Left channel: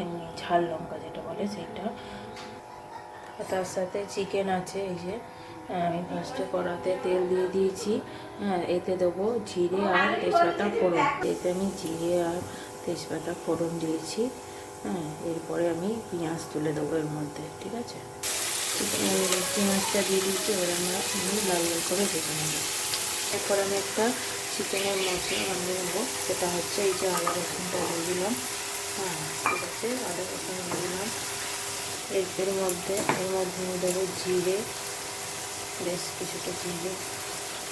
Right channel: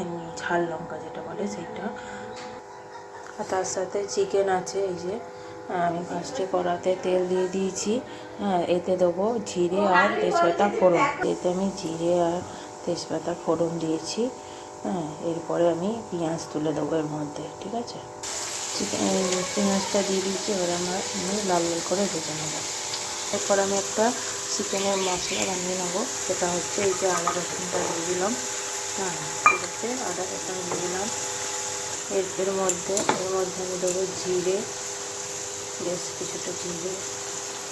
এমনি ঝাল লঙ্কা যেটা বলে সেইটা। আর তার সাথে চিকেন আছে। এই যে আমি ফার্স্টে কড়াতে তেল দিয়ে দিয়েছি। হ্যাঁ, এতে দেবো জিরে আর তেজপাতা ফোড়ন। এতে আমি জিরে আর তেজপাতা ফোড়ন দিয়েছি। হ্যাঁ, এরপরে আমি পেঁয়াজ তুলে দেবো এর মধ্যে। ঠিক আছে, পেঁয়াজটা দিয়ে দিচ্ছি। এবার আমরা লাল লাল করে ভেজে নেবো। এরপর আমি একটা চিকেনের মশলা বানিয়ে নেবো। সেটা হচ্ছে এই যে আদা রসুনটা দিয়ে দিলাম। হ্যাঁ, ঠিক আছে, আদা রসুন দিয়ে দিলাম। এর মধ্যে আমি দেবো জিরে, বেশ কিছুটা জিরে,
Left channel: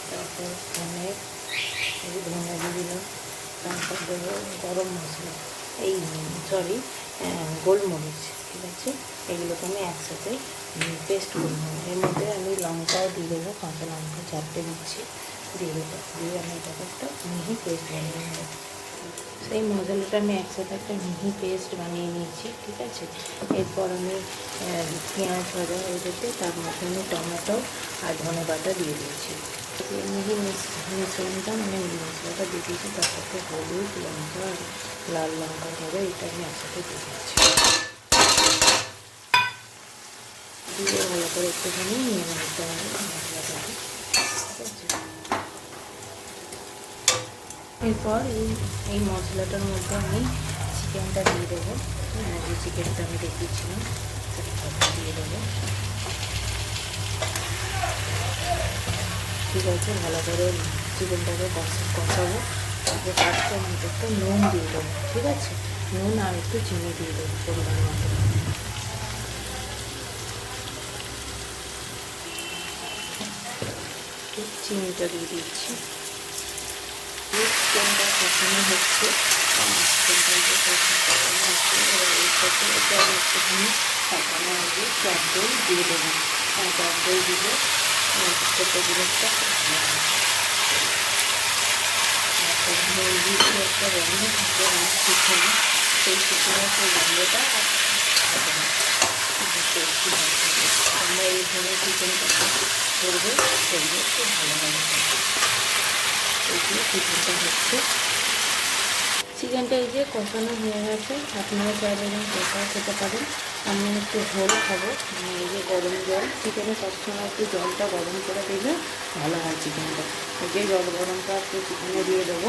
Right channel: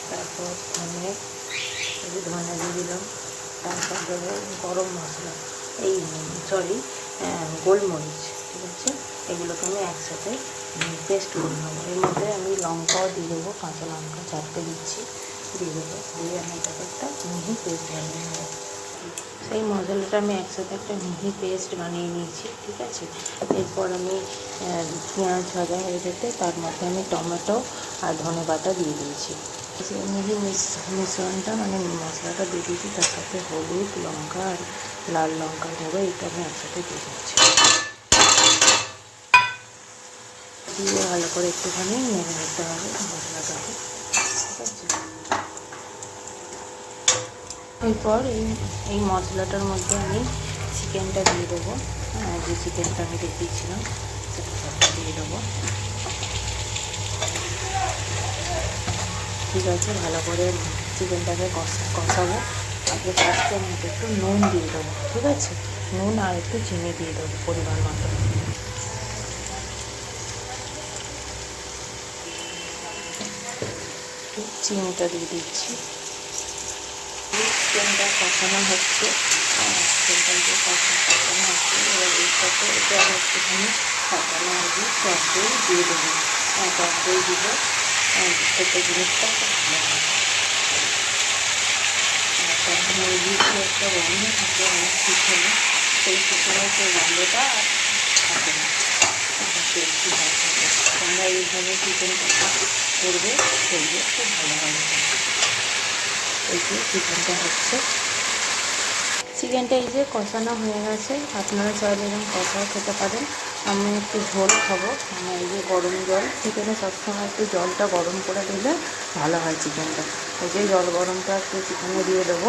তারপর ধনে, এই যে ধনে দিয়ে দিলাম। তারপর দেবো গরম মশলা, এই সরি গোলমরিচ। ঠিক আছে, এগুলোকে আমি একসাথে পেস্ট করে নেবো। এর মধ্যে আমি লঙ্কাও দিয়ে দেবো, কাঁচা লঙ্কা 4টে দিচ্ছি, দিয়ে দেবো। দিয়ে আমি এটাকে একটা মিহি পেস্ট বানিয়ে নেবো। সেই মশলাটা আমি একসাথে একটা মিহি পেস্ট বানিয়ে নিয়েছি। ঠিক আছে, এরপর আমি পেঁয়াজ ভাজা হয়ে যেতে তার মধ্যে আমি টমেটো আর ধনে পাতা দিয়ে দিয়েছি। সেই মিহি মিশ্রণটা মানে মশলাটা দিয়ে দিয়েছি, তার সাথে হলুদ, লঙ্কা আর লাল লঙ্কার গুঁড়ো, এটা আমি একসাথে দিয়ে দিচ্ছি। দিয়ে ভালো করে একটুখানি নেড়ে নিতে হবে মশলাটাকে। ঠিক আছে, এরপর এই মশলাটার মধ্যে আমি চিকেনটা দিয়ে দেবো। হ্যাঁ, যে চিকেনটা আমি রেখেছিলাম সেটা সবটা দিয়ে দেবো। ঠিক আছে, ভালো করে চিকেনটাকে কষাবো। তারপরে ফার্স্টে আমি একটু নুন দিয়ে দেবো। ঠিক আছে, নুন আর একটু চিনি দিয়ে দেবো পরিমাণ মতো। চিনিটা দিয়ে দিচ্ছি। চিকেনটা কষানো হচ্ছে। চিকেনটা যে কষানো হচ্ছে, এবার এর সাথে এটা আমি একটুখানি কষানো আগে টক দই দিয়ে দেবো। টক দই দিলে প্রত্যেকটা জিনিসটা খুব ভালো হয়। আর তখন মুরগির একটা গন্ধ থাকে আমার পিছনে, সেই পিছনে সেই গন্ধটা আর থাকে না, টেস্টি হয় থাকে। তোমরা এইভাবে চিকেন কষা করবে, করলে খুব ভালো হয়। এই যে চিকেনটা হচ্ছে, চিকেনটা এই যে কষানো হয়ে গেছে। আপনারা চাইলে এরকম কষাও খেতে পারেন। আমি একটু ঝোল খাবো, মানে এই যে গরম জল। চিকেনে সবসময় একটু জলটা গরম করে দিলে ভালো হয় চিকেনটা। এই যে জল গরমটা একটু চিকেনে দিয়ে দেবো।